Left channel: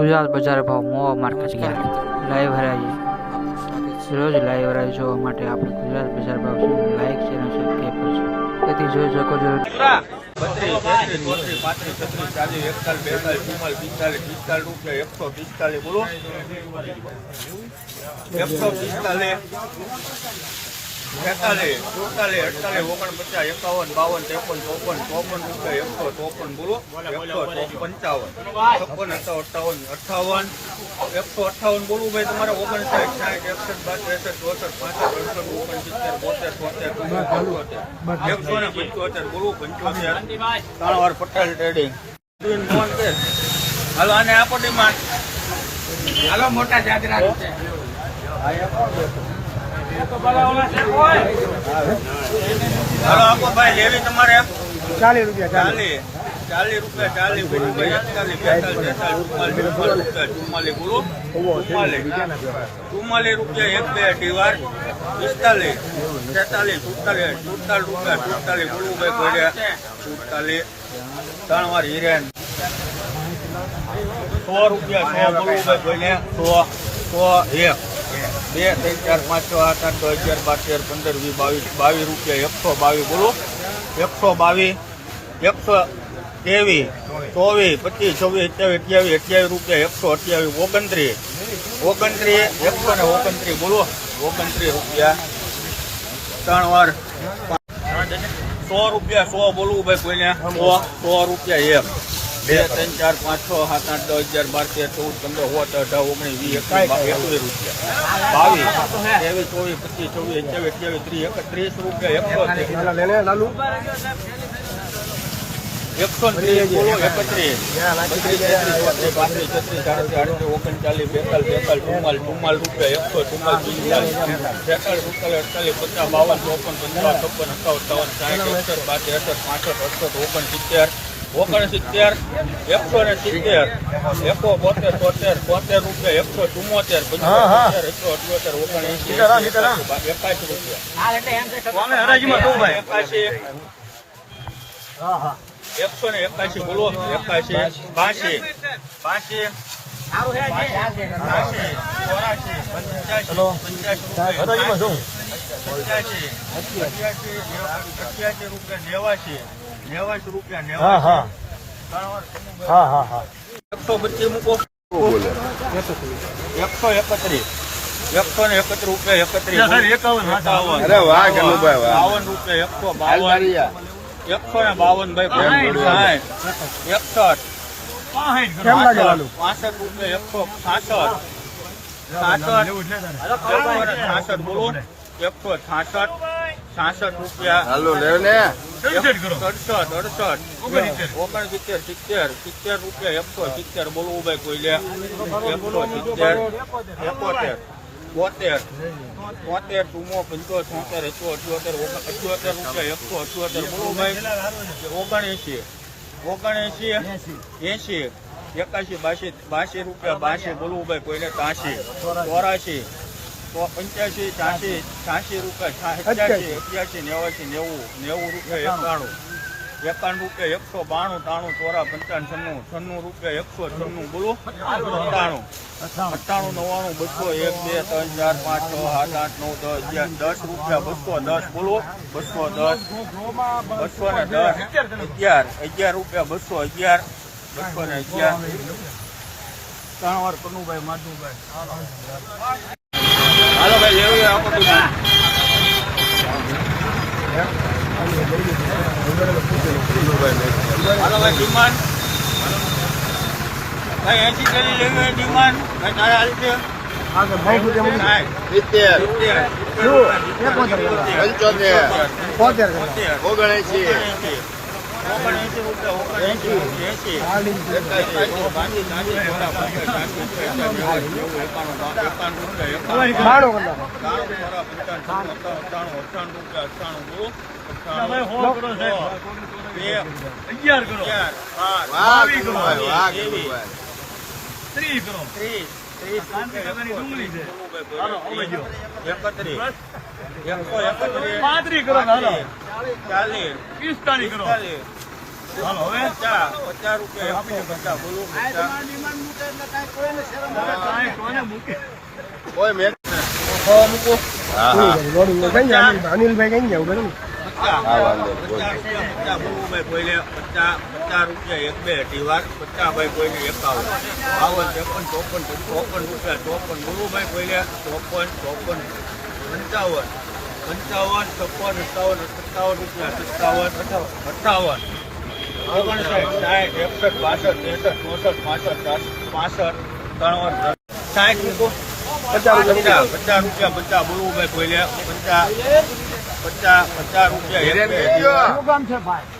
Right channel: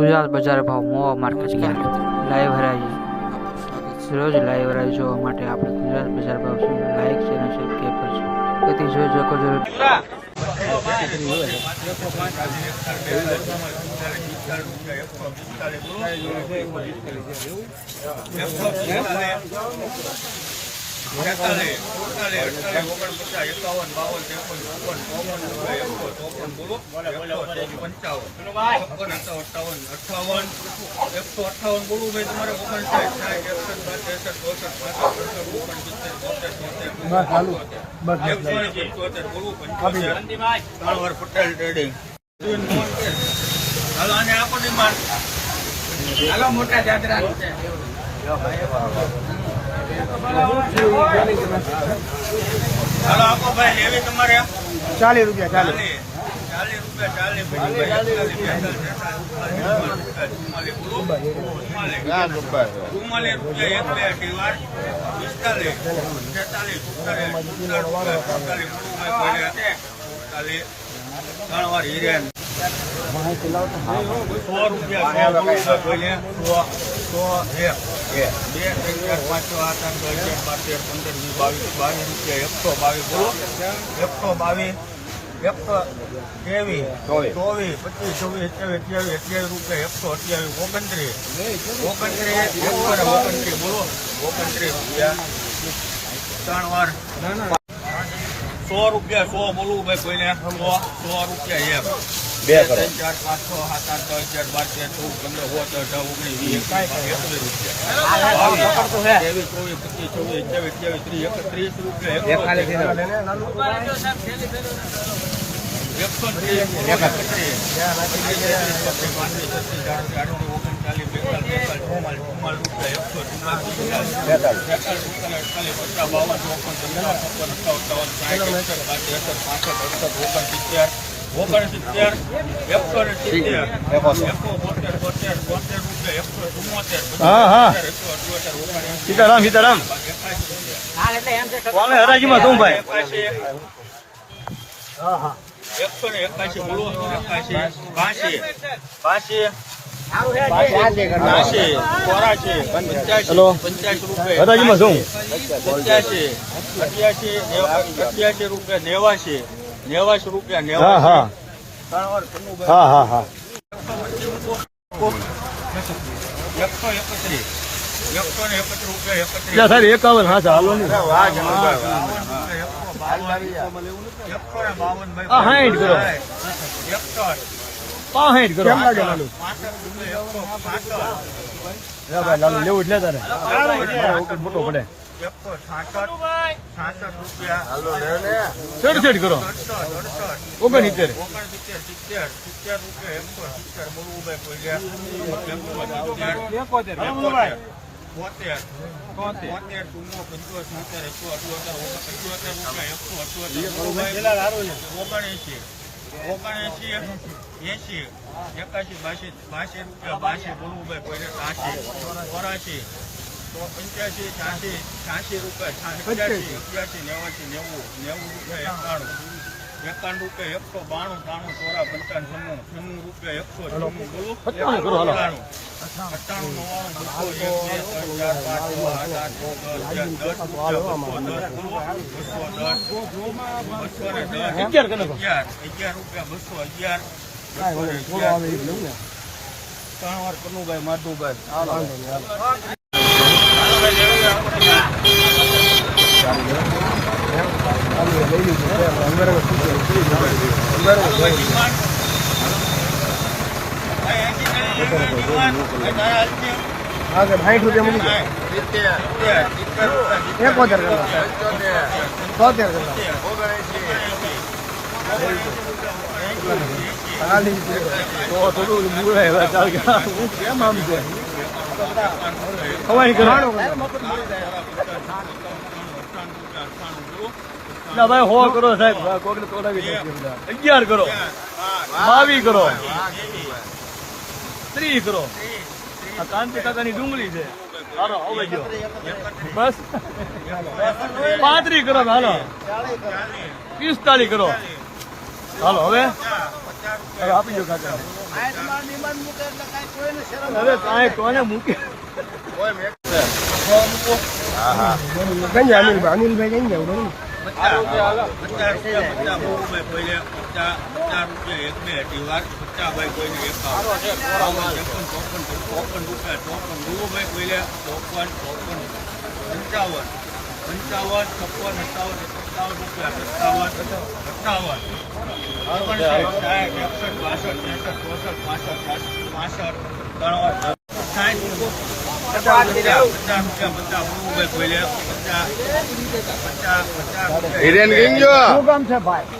ગુજરાત બજાર ભાવ મોવા માર્કેટ ગયા લાઈવ હરાજી રોજ લાઈવ હરાજી જોવા માટે આપણે ગુજરાત બજાર ભાવ લાઈક શેર અને સબસ્ક્રાઈબ કરજો. તેથી જોઈ શકો છો. બેતાલીસ સુડતાલીસ અડતાલીસ ઓગણપચાસ એકાવન બાવન ત્રેપન ચોપન ચોપન એકસો ચોપન બોલો પંચાવન. છપ્પન અઠાવન અઠાવન એકસો અઠાવન બોલવું ભાઈ તમારે ઓગણસાઠ સાઠ એકસઠ બાર ત્રેસઠ ચોસઠ પાસઠ અડસઠ ઓગણસિત્તેર બોતેર તોતેર એકસો ને પંચોતેર બોલવું પંચોતેર. ત્રણ પટેલ ટ્રેડિંગ હાલો. આને આપો ડિમાન્ડ. હાલો મોટા જાજરા હાલો ચાલીસ રૂપિયા ચાલીસ. ચાલીસ. રૂપિયા ચાલીસ ચુમ્માલીસ રૂપિયા એક બે પિસ્તાલીસ છેતાલીસ સુડતાલીસ સુડતાલીસ રૂપિયા સુડતાલીસ સુડતાલીસ ત્રણ વાર હિરેન. સો રૂપિયા સો સો સો એક. બે ત્રણ ચાર પાંચ છ આઠ આઠ દસ અગિયાર બાર પંદર વીસ બાવીસ બાવીસ રૂપિયા એકસો બાવીસ બોલો. એકસો બાવીસ એકસો ત્રેવીસ ચોવીસ. પચીસ છવ્વીસ અઠ્યાવીસ અઠ્યાવીસ અઠ્યાવીસ રૂપિયા એકસો અઠ્યાવીસ ઓગણત્રીસ. ઓગણત્રીસ એકસો ને ઓગણત્રીસ બોલો. ઓગણત્રીસ રૂપિયા. ત્રણ વાર. સો રૂપિયા સો બોલવું ભાઈ કોઈને. સો સો રૂપિયા એક બે ત્રણ ચાર પાંચ છ સાત આઠ દસ અગિયાર બાર તેર ચૌદ પંદર સોળ અઢાર ઓગણીસ વીસ એકવીસ રૂપિયા. ત્રેવીસ ચોવીસ પચીસ છવ્વીસ અઠ્યાવીસ અઠ્યાવીસ ત્રીસ એકત્રીસ રૂપિયા એકસો ત્રીસ એકત્રીસ પાંત્રીસ છત્રીસ સાડત્રીસ ઓગણચાલીસ બેતાલીસ બેતાલીસ ચુમ્માલીસ ચુમ્માલીસ રૂપિયા એકસો ચુમ્માલીસ પિસ્તાલીસ છેતાલીસ સુડતાલીસ અડતાલીસ પચાસ બાવન ચોપન પંદર છપ્પન અઠાવન અઠાવન સાઠ એકસઠ પાંચ એકસઠ પાસઠ અડસઠ ઓગણસિત્તેર ઓગણસિત્તેર એકસો ને સિત્તેર એકસો બોતેર તોતેર તોતેર રૂપિયા એકસો ચુમ્મોતેર પંચોતેર એકસો અઠ્યોતેર ઓગણએંસી એકાસી. રૂપિયા એકાસી એકસો ને એકાશી બોલો. એકાશી બાસી. બાસી. પંચ્યાસી. પંચ્યાસી રૂપિયા નેવાસી. નેવાસી રૂપિયા હા હા. નેવાસી ત્રણ વાર હા હા હા. એકસો પચીસ એકસો એકત્રીસ. એકસો ને એકત્રીસ રૂપિયા એકત્રીસ. એકાવન હા બાવન રૂપિયા એકસો બાવન. એકસો ને બાવન ભાઈ. એકસઠ. કેમ લાગે લાલુ? પાસઠ રૂપિયા એકસો લાલુ લેવું ભલે એકસો છાસઠ છાસઠ રૂપિયા. કરો? અડસઠ અડસઠ ઓગણસિત્તેર. ઓગણસિત્તેર સિત્તેર સિત્તેર રૂપિયા એકસો સિત્તેર બોલવું ભાઈ કોઈ લે. એકસો સિત્તેર એકોતેર. બોતેર. બોતેર ચુમ્મો પંચો છોતેર એકસો અઠ્યોતેર અઠ્યોતેર રૂપિયા એકસો અઠ્યોતેર બોલવું ભાઈ ઓગણએંસી ઓગણએંસી એંસી એકાશી બાસી બાસી રૂપિયા બાસી બોલવું ભાઈ કોઈને કાંસી ચોરાશી. પંચ્યાસી ત્યાંશી છ્યાસી રૂપિયા છ્યાસી અઠ્યાસી નેવાસી નેવું નેવું રૂપિયા એકાણું. રૂપિયા એકસો બાણું ત્રાણું ચોરા પંચાવન છન્નું છન્નું રૂપિયા એકસો છન્નું. બોલો. અઠ્ઠાણું અઠ્ઠાણું નવ્વાણું બસો એક બે ત્રણ ચાર પાંચ છ આઠ આઠ નવ દસ દસ રૂપિયા બસો દસ. બોલો. બસો દસ. બસો ને દસ. અગિયાર. અગિયાર રૂપિયા બસો અગિયાર. બસો ને અગિયાર. ત્રણ વાર કનુભાઈ માધુભાઈ. સાઠ રૂપિયા મૂકી દે. સિત્તેર સિત્તેર સિત્તેર રૂપિયા ભાઈ હો કરો સાહેબ. અગિયાર કરો બાવીસ કરો ત્રીસ કરો ડુંગળી છે બસ કરો હાલો. પિસ્તાલીસ કરો. હાલો હવે? આપી દો કાકા. હવે કાંઈ કોને મૂકી. કોઈ અનિલભાઈ? અનિલભાઈ કઈ જાવ બરોબર? પચાસ પચાસ રૂપિયા પચાસ બોલુભાઈ કોઈને પચાસ પચાસ રૂપિયા એક બે દીવાર પચાસ ભાઈ કોઈને એકાવન બાવન ત્રેપન ચોપન ચોપન રૂપિયા ચોપન બોલુભાઈ કોઈને ચોપન ચોપન પંચાવન પંચાવન છપ્પન સત્તાવન સત્તાવન રૂપિયા સત્તાવન સત્તાવન ઓગણસાઠ સાઠ એકસઠ બાસઠ ત્રેસઠ ચોસઠ પાસઠ પાસઠ ત્રણ સાઠ પચાસ રૂપિયા પચાસ રૂપિયા પચાસ બોલુભાઈ કોઈને પચાસ પચાસ પચાસ રૂપિયા શું કામ છે ભાઈ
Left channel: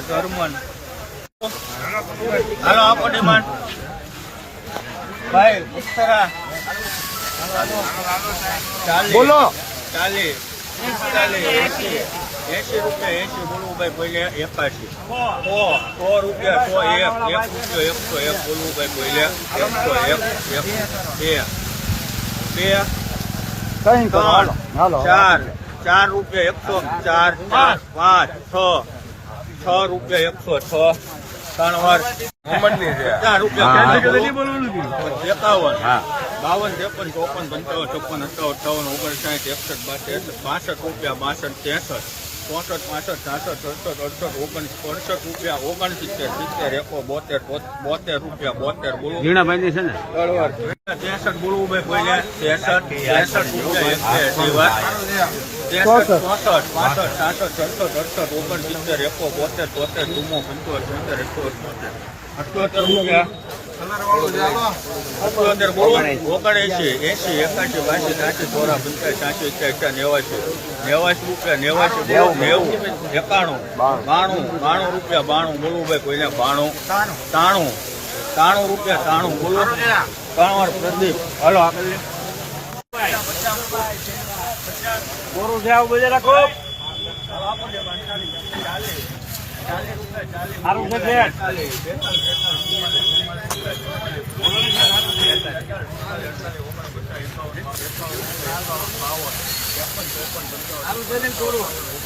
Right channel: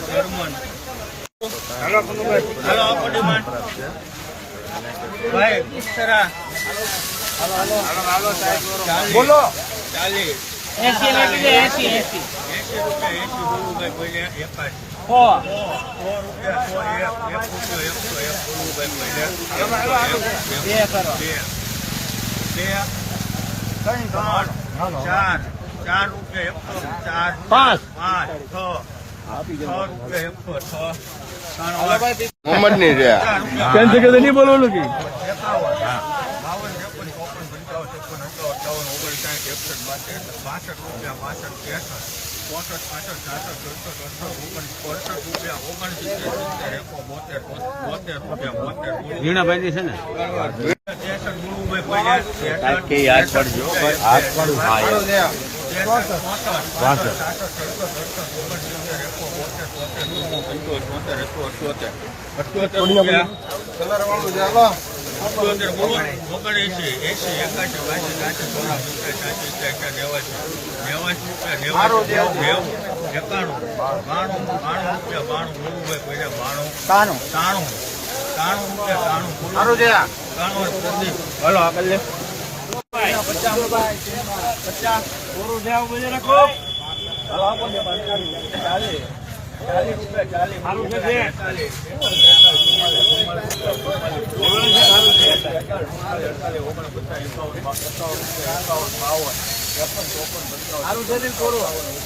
જર્મન હાલો આપો ડિમાન્ડ ભાઈ બોલો ચાલીસ એસી એસી રૂપિયા એસી બોલું ભાઈ બોલે સો સો રૂપિયા સો એક એક રૂપિયા એકસો એક બોલું ભાઈ એકસો એક એક બે. બે ત્રણ ચાર ચાર રૂપિયા એકસો ચાર પાંચ. પાંચ છ. છ રૂપિયા એકસો છ. ત્રણ વાર. ચાર રૂપિયા. નહીં બોલવાનું કે? એકાવન. બાવન ત્રેપન ચોપન પંચાવન છપ્પન સત્તાવન અઠાવન ઓગણસાઠ એકસઠ બાસઠ બાસઠ રૂપિયા બાસઠ ત્રેસઠ. ચોસઠ પાસઠ સાસઠ સડસઠ અડસઠ ઓગણ અડસઠ રૂપિયા ઓગણસિત્તેર સિત્તેર એકો બોતેર બોતેર રૂપિયા બોતેર બોલો ઝીણાભાઈ છે ને ત્રેસઠ બોલવું ભાઈ કોઈને ત્રેસઠ ત્રેસઠ રૂપિયા ચોસઠ ચોસઠ પાસઠ સાસઠ છપ્પન અડસઠ ઓગણસિત્તેર એકો બોતેર તોતેર ચુમ્મો પંચોતેર તોતેર એકો અઠ્યોતેર અઠ્યોતેર રૂપિયા અઠ્યોતેર બોલો ઓગણએંશી એંશી એકાશી બાસી ત્યાંસી ચોરા પંચાસી ત્યાંસી એક્યા નેવાસી નેવાસી રૂપિયા નેવાસી નેવું એકાણું બાણું બાણું રૂપિયા બાણું ભાઈ કોઈને બાણું તાણું તાણું તાણું રૂપિયા તાણું બોલો વાર પ્રદીપ હાલો આગળ કોરું છે આવું બોલે રાખો સારું છે સારું છે ને કોરું?